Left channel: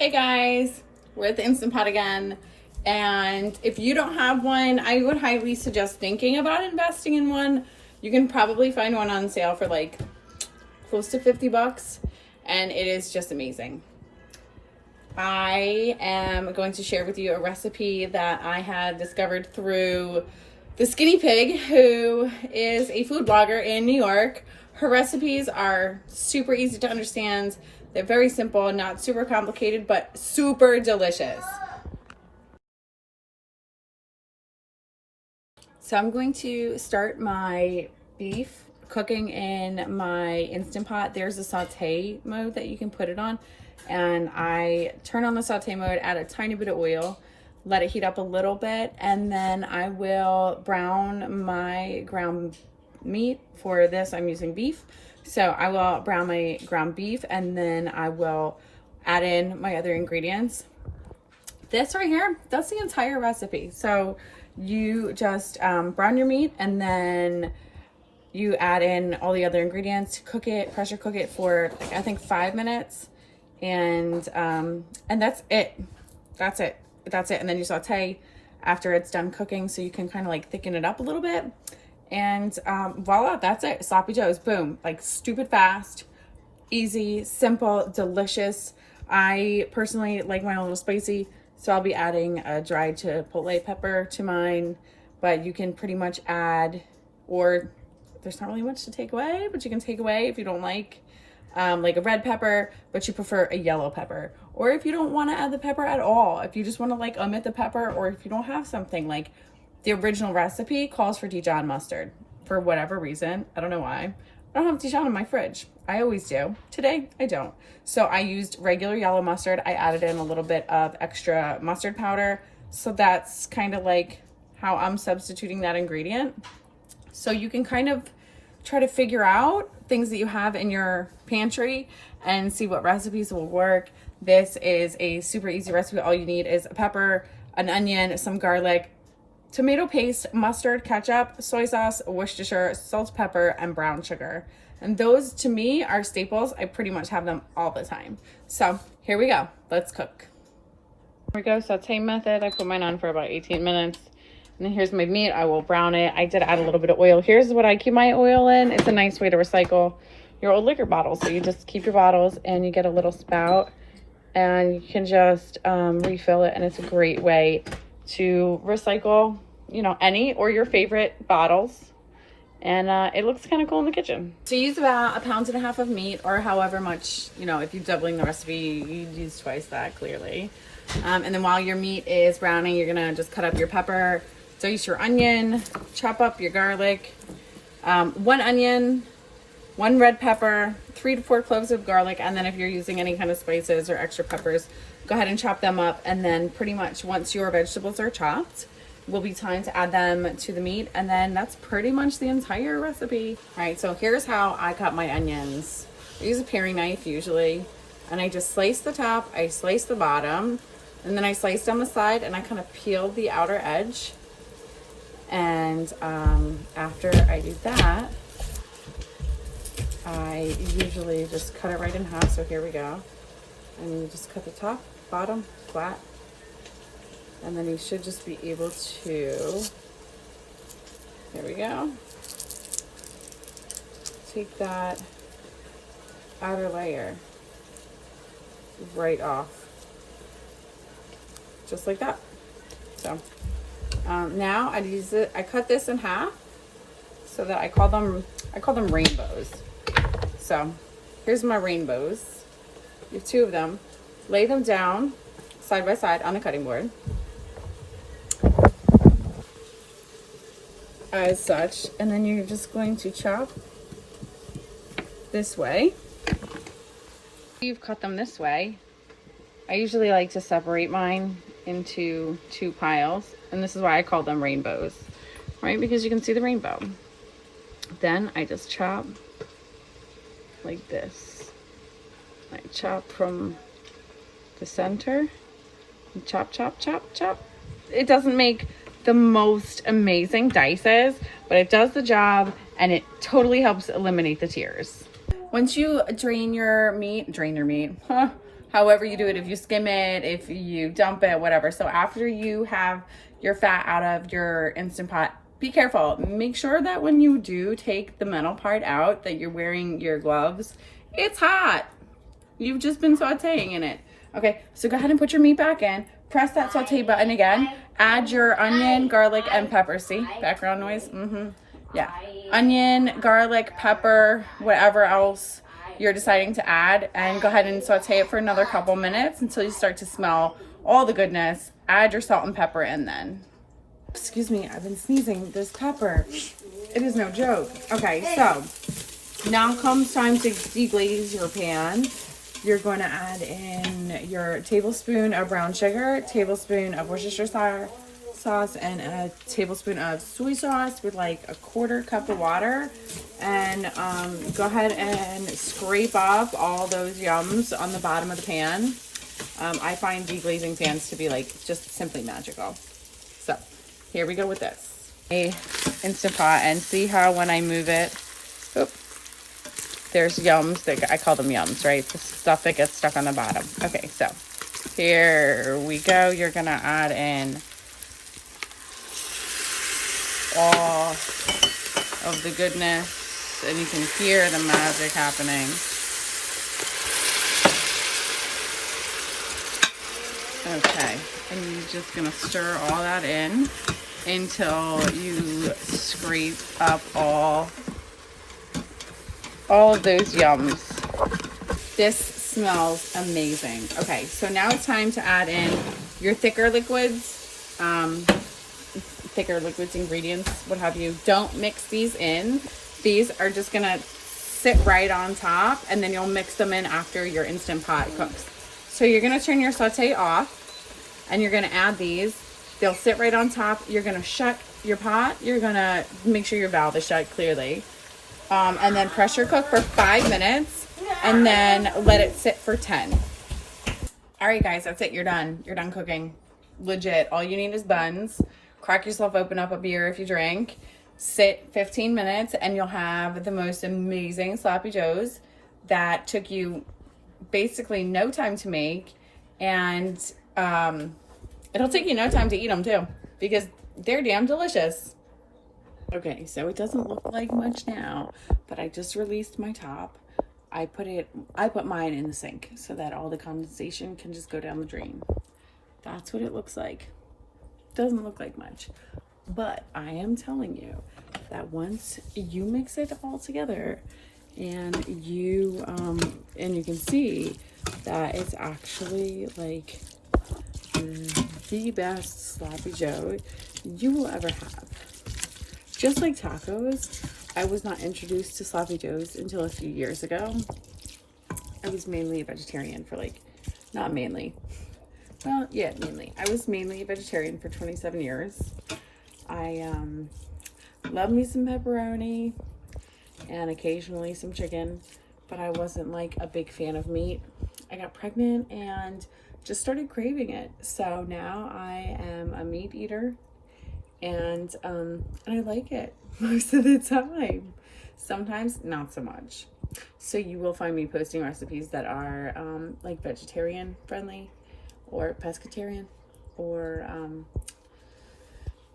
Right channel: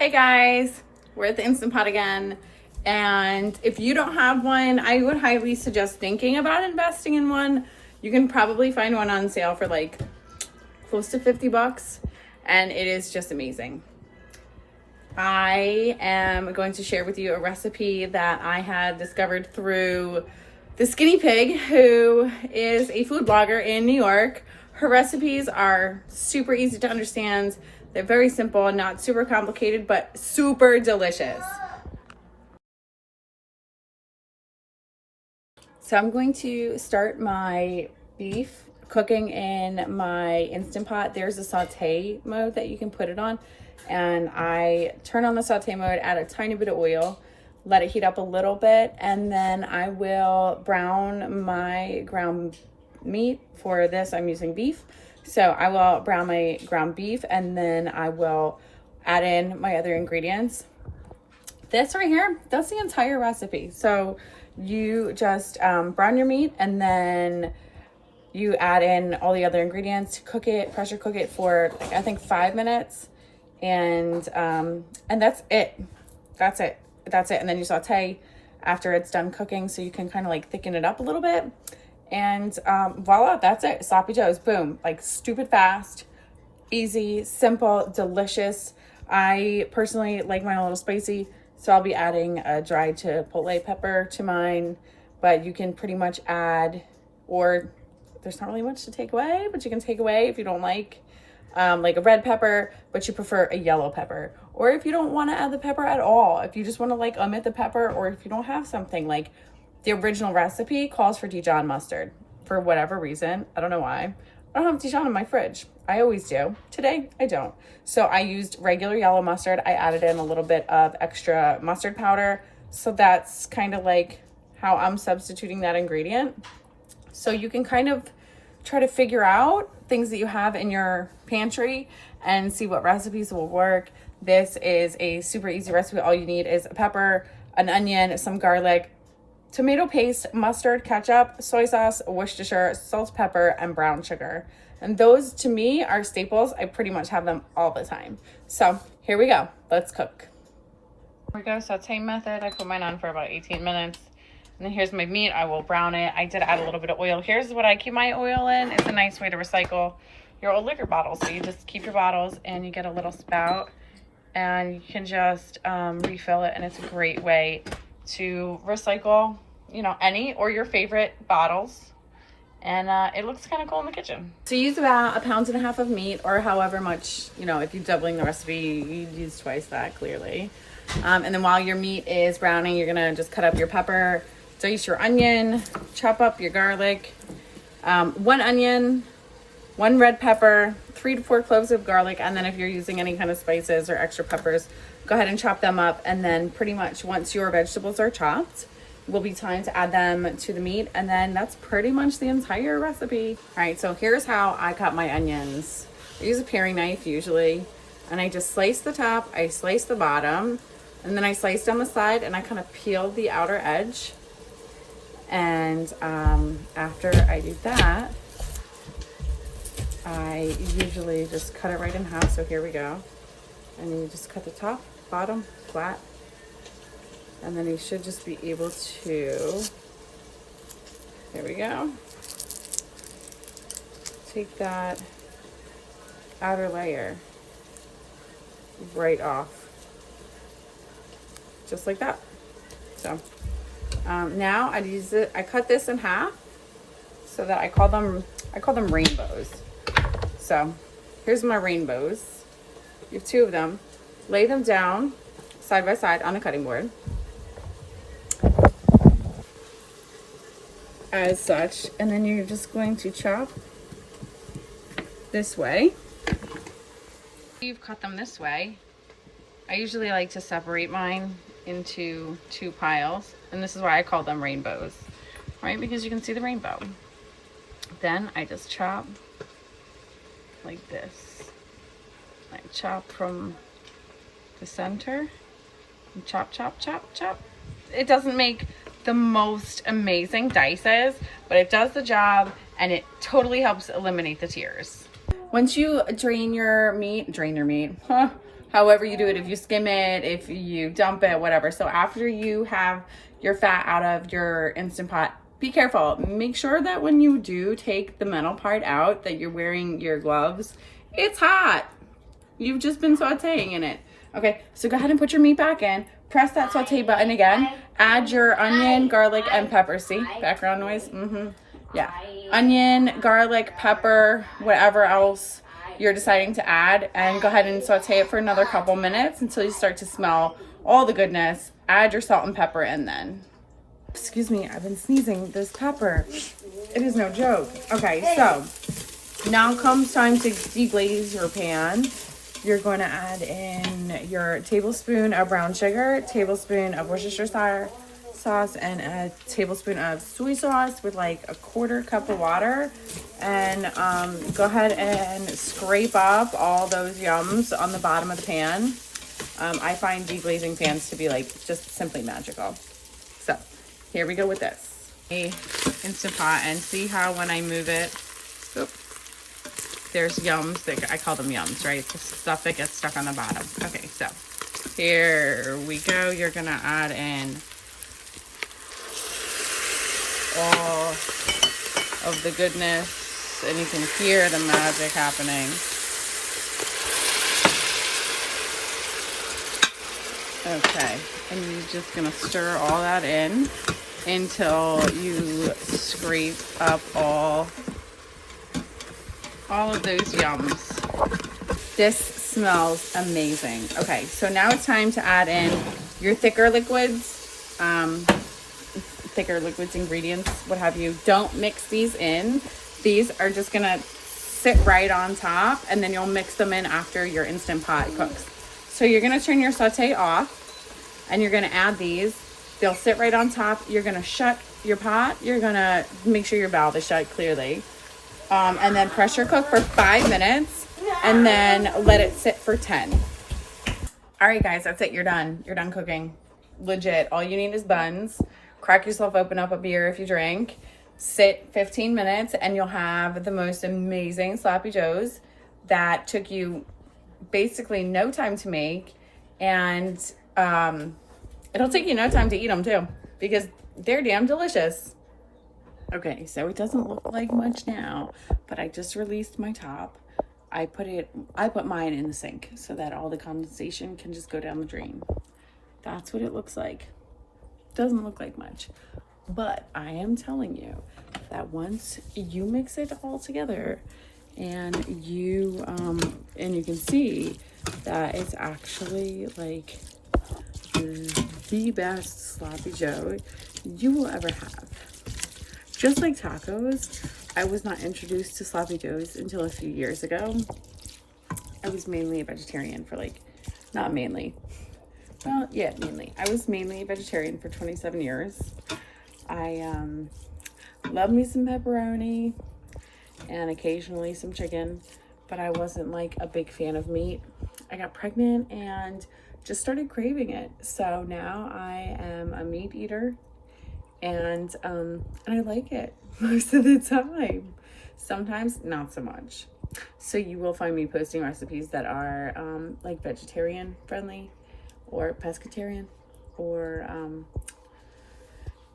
Hey guys, we're at the Instant Pot again, and if you don't have one, I would highly suggest thinking about investing in one. You can probably find one on sale for like close to 50 bucks, and it is just amazing. I am going to share with you a recipe that I had discovered through this guinea pig who is a food blogger in New York. Her recipes are super easy to understand. They're very simple, not super complicated, but super delicious. So I'm going to start my beef cooking in my Instant Pot. There's a saute mode that you can put it on. And I turn on the saute mode, add a tiny bit of oil, let it heat up a little bit, and then I will brown my ground meat. For this, I'm using beef. So I will brown my ground beef, and then I will add in my other ingredients. This right here, that's the entire recipe. So you just brown your meat, and then you add in all the other ingredients, cook it, pressure cook it for I think 5 minutes, and that's it. That's it. And then you saute after it's done cooking, so you can kind of like thicken it up a little bit. And voila, that's it. Sloppy joes, boom. Like stupid fast, easy, simple, delicious. I personally like mine a little spicy, so I'll be adding a dried chipotle pepper to mine, but you can pretty much add, or there's not really much to take away, but you can take away if you don't like a red pepper, but you prefer a yellow pepper. Or if you don't want to add the pepper at all, if you just want to like omit the pepper, or if you don't have something like the original recipe calls for Dijon mustard for whatever reason. I don't know why. I don't have Dijon in my fridge. I always do. Today, I don't. So I used regular yellow mustard. I added in a little bit of extra mustard powder. So that's kind of like how I'm substituting that ingredient. So you can kind of try to figure out things that you have in your pantry and see what recipes will work. This is a super easy recipe. All you need is a pepper, an onion, some garlic, tomato paste, mustard, ketchup, soy sauce, Worcestershire, salt, pepper, and brown sugar. And those to me are staples. I pretty much have them all the time. So here we go. Let's cook. Here we go. Saute method. I put mine on for about 18 minutes. And then here's my meat. I will brown it. I did add a little bit of oil. Here's what I keep my oil in. It's a nice way to recycle your old liquor bottles. So you just keep your bottles and you get a little spout and you can just refill it. And it's a great way to recycle, you know, any or your favorite bottles. And it looks kind of cool in the kitchen. So use about 1.5 pounds of meat, or however much, you know, if you're doubling the recipe, you use twice that clearly. And then while your meat is browning, you're gonna just cut up your pepper, dice your onion, chop up your garlic, 1 onion, 1 red pepper, 3 to 4 cloves of garlic, and then if you're using any kind of spices or extra peppers, go ahead and chop them up. And then pretty much once your vegetables are chopped, will be time to add them to the meat, and then that's pretty much the entire recipe. All right, so here's how I cut my onions. I use a paring knife usually, and I just slice the top, I slice the bottom, and then I slice down the side, and I kind of peel the outer edge. And after I do that, I usually just cut it right in half. So here we go. And you just cut the top, bottom, flat. And then you should just be able to, there we go, take that outer layer right off, just like that. So now I cut this in half so that I call them rainbows. So here's my rainbows. You have 2 of them. Lay them down side by side on a cutting board, as such, and then you're just going to chop this way. You've cut them this way. I usually like to separate mine into 2 piles, and this is why I call them rainbows, right? Because you can see the rainbow. Then I just chop like this. I chop from the center and chop, chop, chop, chop. It doesn't make the most amazing dices, but it does the job, and it totally helps eliminate the tears. Once you drain your meat, however you do it, if you skim it, if you dump it, whatever. So after you have your fat out of your Instant Pot, be careful. Make sure that when you do take the metal part out, that you're wearing your gloves. It's hot. You've just been sauteing in it. Okay, so go ahead and put your meat back in. Press that saute button again. Add your onion, garlic, and pepper. See, background noise? Yeah. Onion, garlic, pepper, whatever else you're deciding to add. And go ahead and saute it for another couple minutes until you start to smell all the goodness. Add your salt and pepper in then. Excuse me, I've been sneezing. There's pepper. It is no joke. Okay, so now comes time to deglaze your pan. You're going to add in your tablespoon of brown sugar, tablespoon of Worcestershire sauce, and a tablespoon of soy sauce with like a 1/4 cup of water. And go ahead and scrape up all those yums on the bottom of the pan. I find deglazing pans to be like just simply magical. So here we go with this. Instant Pot, and see how when I move it, there's yums that I call them yums, right? The stuff that gets stuck on the bottom. Okay, so here we go. You're gonna add in all of the goodness, and you can hear the magic happening. Okay, and you're just gonna stir all that in until you scrape up all of those yums. This smells amazing. Okay, so now it's time to add in your thicker liquids, ingredients, what have you. Don't mix these in. These are just gonna sit right on top, and then you'll mix them in after your Instant Pot cooks. So you're gonna turn your saute off, and you're gonna add these. They'll sit right on top. You're gonna shut your pot. You're gonna make sure your valve is shut clearly. And then pressure cook for 5 minutes, and then let it sit for 10. All right, guys, that's it. You're done. You're done cooking. Legit. All you need is buns. Crack yourself open up a beer if you drink. Sit 15 minutes, and you'll have the most amazing sloppy joes that took you basically no time to make. And it'll take you no time to eat them, too, because they're damn delicious. Okay, so it doesn't look like much now, but I just released my top. I put mine in the sink so that all the condensation can just go down the drain. That's what it looks like. Doesn't look like much, but I am telling you that once you mix it all together and you can see that it's actually like the best sloppy joe you will ever have. Just like tacos, I was not introduced to sloppy joes until a few years ago. I was mainly a vegetarian for not mainly. Well, yeah, mainly. I was mainly a vegetarian for 27 years. I love me some pepperoni and occasionally some chicken, but I wasn't like a big fan of meat. I got pregnant and just started craving it. So now I am a meat eater. And I like it most of the time. Sometimes not so much. So you will find me posting recipes that are like vegetarian friendly or pescatarian, or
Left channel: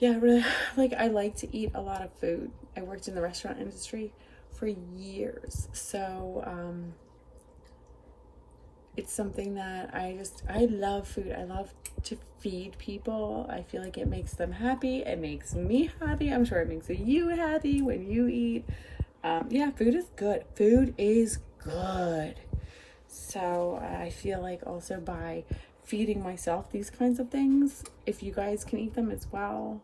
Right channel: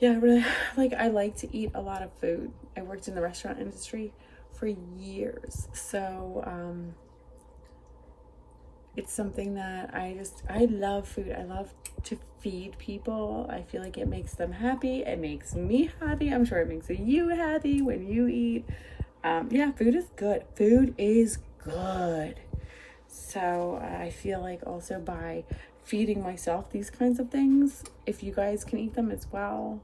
yeah, really, like I like to eat a lot of food. I worked in the restaurant industry for years, so it's something that I love food. I love to feed people. I feel like it makes them happy. It makes me happy. I'm sure it makes you happy when you eat. Yeah, food is good. Food is good. So I feel like also by feeding myself these kinds of things, if you guys can eat them as well,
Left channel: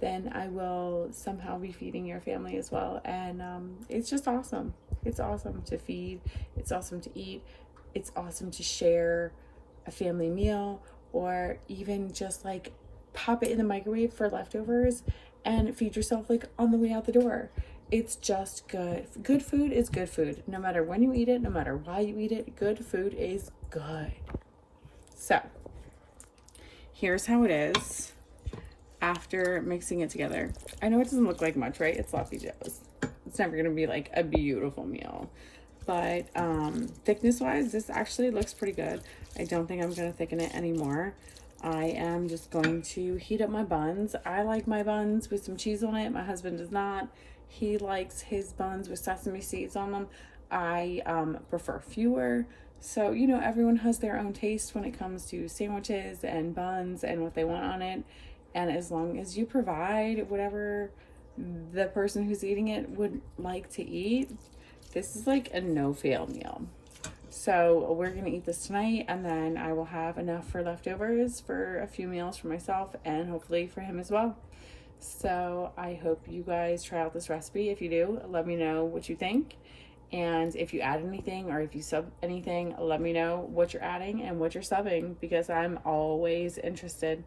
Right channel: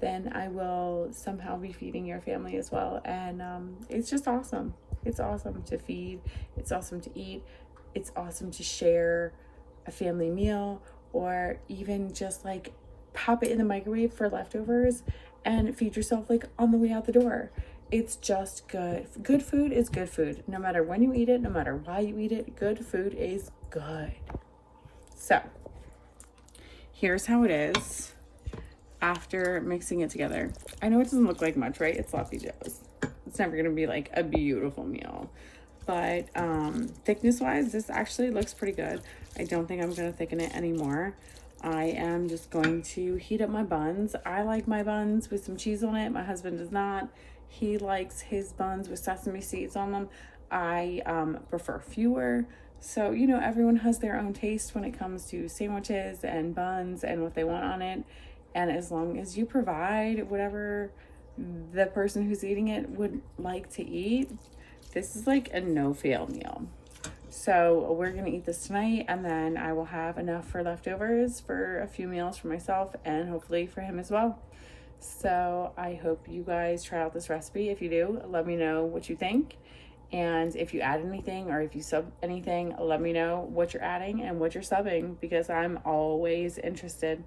then I will somehow be feeding your family as well. And it's just awesome. It's awesome to feed. It's awesome to eat. It's awesome to share a family meal, or even just like pop it in the microwave for leftovers and feed yourself like on the way out the door. It's just good. Good food is good food. No matter when you eat it, no matter why you eat it, good food is good. So here's how it is after mixing it together. I know it doesn't look like much, right? It's sloppy joes. It's never gonna be like a beautiful meal. but thickness wise, this actually looks pretty good. I don't think I'm gonna thicken it anymore. I am just going to heat up my buns. I like my buns with some cheese on it. My husband does not. He likes his buns with sesame seeds on them. I prefer fewer. So, you know, everyone has their own taste when it comes to sandwiches and buns and what they want on it. And as long as you provide whatever the person who's eating it would like to eat, this is like a no-fail meal. So we're gonna eat this tonight, and then I will have enough for leftovers for a few meals for myself and hopefully for him as well. So I hope you guys try out this recipe. If you do, let me know what you think. And if you add anything or if you sub anything, let me know what you're adding and what you're subbing, because I'm always interested.